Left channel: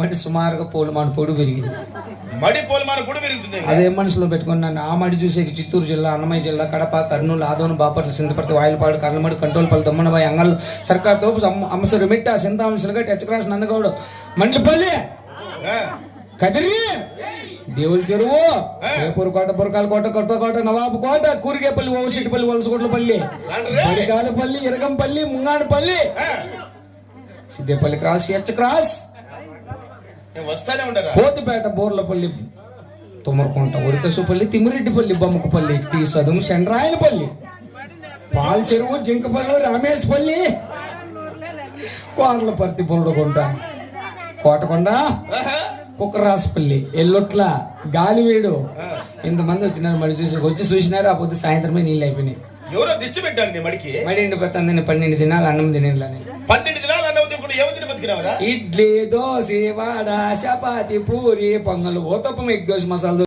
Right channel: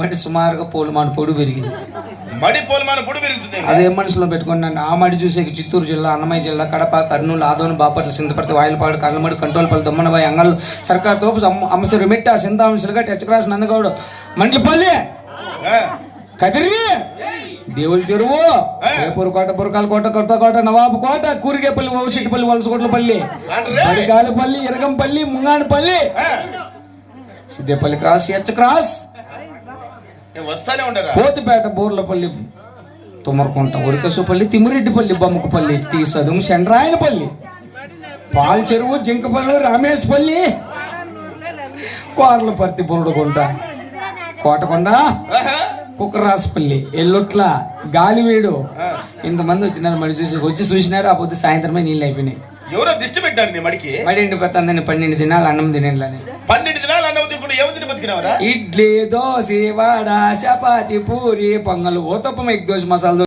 మడి సుమారుగా పోలుమాను పొడి పెరిగింది. మడి పోలుమాను పొడి పెరుగుతుంది. అదే మనసులో పెట్టుకున్నాను. ఆ మడి చూసే చిత్తూరు జిల్లా, అన్నమయ్య జిల్లా, కడప, కర్నూలు, ఆదోని, బాపట్ల, సింధపర్తి, వాయిలపాడు, కర్లమడి, కంట్రోల్పల్లి, దమ్మనబాయి, అంగల్, సర్కార్ తోపు, అమ్మసిరి మిట్ట, సింతావని, సిరగట్, హెచ్చక్రాస్, నందగౌడ, మంట్లపల్లి, కదిరి, దేవుల చెరువు, రేపూరు కోట, బురకాల కోట, కొత్త కోట, నవాబు కోట, కూరిగేపల్లి, ఓవశెట్టిపల్లి, వలసకోట్లపల్లి, బడిగాలపల్లి, ఇరగంపల్లి, ముంగానపల్లి, సిద్దేపల్లి క్రాస్, హెచ్చక్రాస్, పోతిపేట, బోర్లపల్లి, తుమ్మరకుంట, ఉరికసుపల్లి, తిమ్మిరెడ్డిపల్లి, బొమ్మకపల్లి, తీసదుం, చండ్రాయనపల్లి, పాల్ చెరువు, జింకపల్లి, రామేశ్పల్లి, కోర్లపర్తి, బురుడుకుంట, కోటకొండ, కుక్కరాసుపల్లి, ఎల్లొట్ల, గాలివీడు. ఇంతమంది వచ్చినారు మడి వచ్చి చూసినారు. ఆ పొద్దు సాయంత్రమే నీళ్ళు అయిపోయినాయి. ఎవరో దిష్టి పెట్టాను మడికి. మడి ఎండిపోతుందని 12 దినాలు అన్నం తినేళ్ళని. 12 దినాలు అన్నం తినకుండా ఏమి బతికినావరా? ఇడ్లీ, దోశ, వడ, చపాతి, పూరి, పొంగల్, ఓతప్పం, ఎగ్ దోశ, మసాలా